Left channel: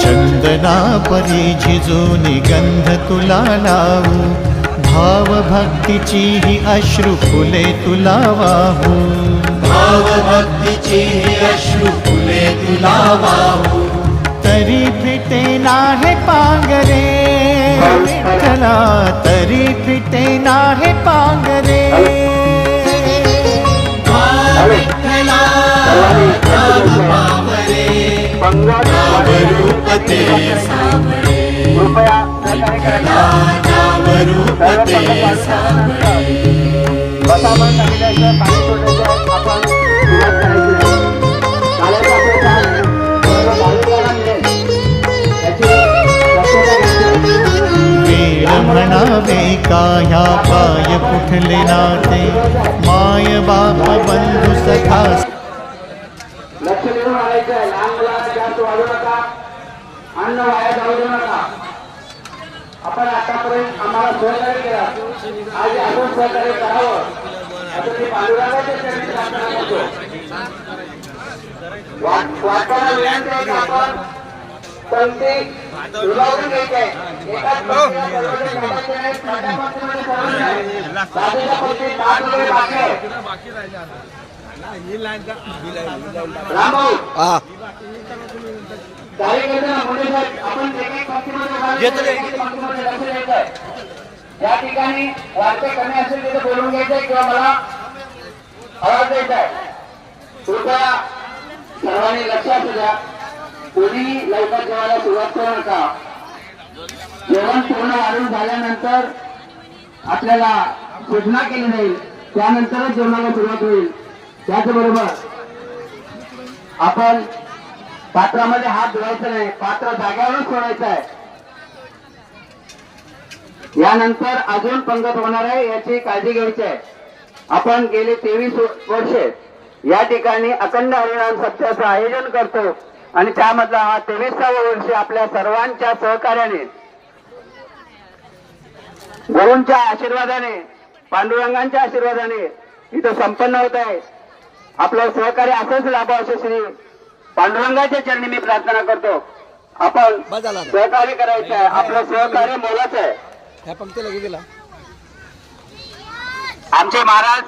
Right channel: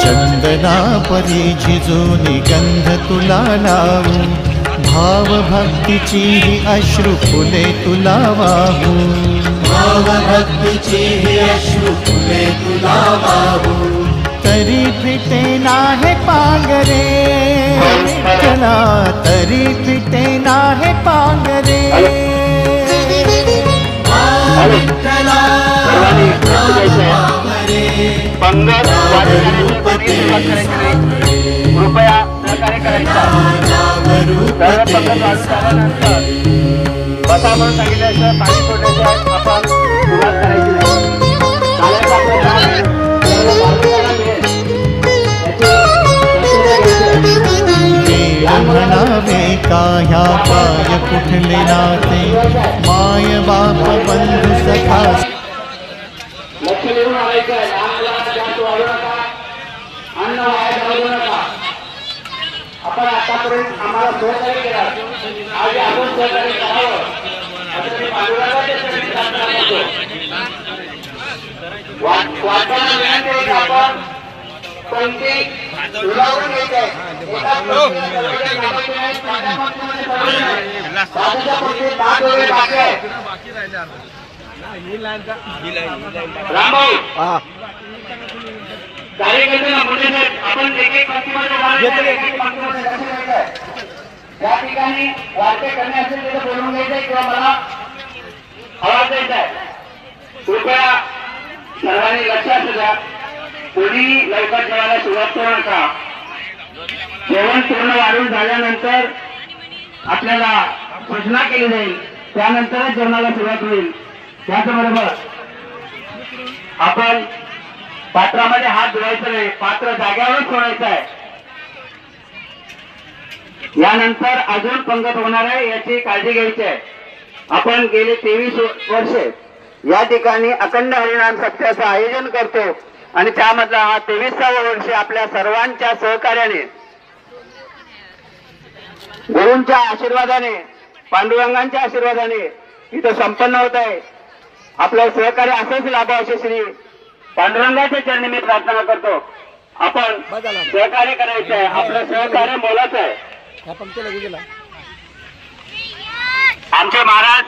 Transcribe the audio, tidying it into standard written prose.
चंदना परी झिजूनी गंध तुला लावू, भाव भक्तीची ही अश्रु फुले तुला वाहू, भाव भक्तीची ही अश्रु फुले तुला वाहू। तरी फिटे नाहे पांगरे चला, तरी फिटे नाहे पांगरे। पंगत वाढी जाण्याची सुरुवात करायची नाही, कृपया सहकार्य करायचं। सर्व पंगत वाढून झाल्यानंतर बसा म्हणून सांगितल्याचं पाणी सोडायचं आपण सुरुवात करायची। वेळ म्हणावे का ह्या पाय कुठले नाते, माय बाप बंधू सखा। लक्ष देऊन आलायचं, लहान मुलांना जास्त वाढू नका, अन्न वाया जाऊ देऊ नका। आपण आतापर्यंत आम्हाला सहकार्य केला, आज अजून सहकार्य करावं असं मी पांडुरंगाच्या चरणी प्रार्थना करतो। वाक्याला विनंती आहे की आपण पंक्ती दुरावून घ्यायची आहे। एकाच पंक्तीला सर्वजण थांबायचे नाहीत, माझ्या पंक्तीमध्ये सर्वजण आहेत, बाजूच्या पंक्तीत 5 वेळे बाकी आहे। रामभाऊ कार्यकर्त्यांना मोठे साहेब, आपण एक एक पंक्तीमध्ये उभारायचं, एक एक पंक्तीमध्ये लक्ष द्यायचं आहे। ज्या ठिकाणी वाक्य कमी असेल तिथे बोलून घ्यायचंय किंवा मला आवाज द्यायचा आहे। कृपया सर्वांनी लक्ष असू द्या, कोणी लवकर जेवायला सुरुवात करू नका। जेवण पूर्ण वाढून झाल्यानंतर आपल्याला सूचना केली जाईल, त्यानंतरच जेवणाला सुरुवात होईल। त्याचबरोबर आपण पात्रामध्ये हात धुवायचा नाही, पात्र जाग्यावरच सोडायचं आहे। यानंतर अजून पंगत होणार आहे, याची काळजी घ्यायची आहे। आपण गेले 23 वर्षे या ठिकाणी अखंड हरिनाम सप्ताहाचं आयोजन करतो आणि त्यामधला हा 23वा वर्ष आपल्या सर्वांच्या सहकार्याने, गुरूंच्या आशीर्वादाने, पांडुरंगांच्या आशीर्वादाने इथं संपन्न होत आहे। आपलं सहकार्य असंच लाभावं असे श्री पांडुरंगाच्या चरणी मी प्रार्थना करतो। आपण सहकार्य करायचं आहे, आपलं सहकार्य बोलायचं आहे। आमचे महाराज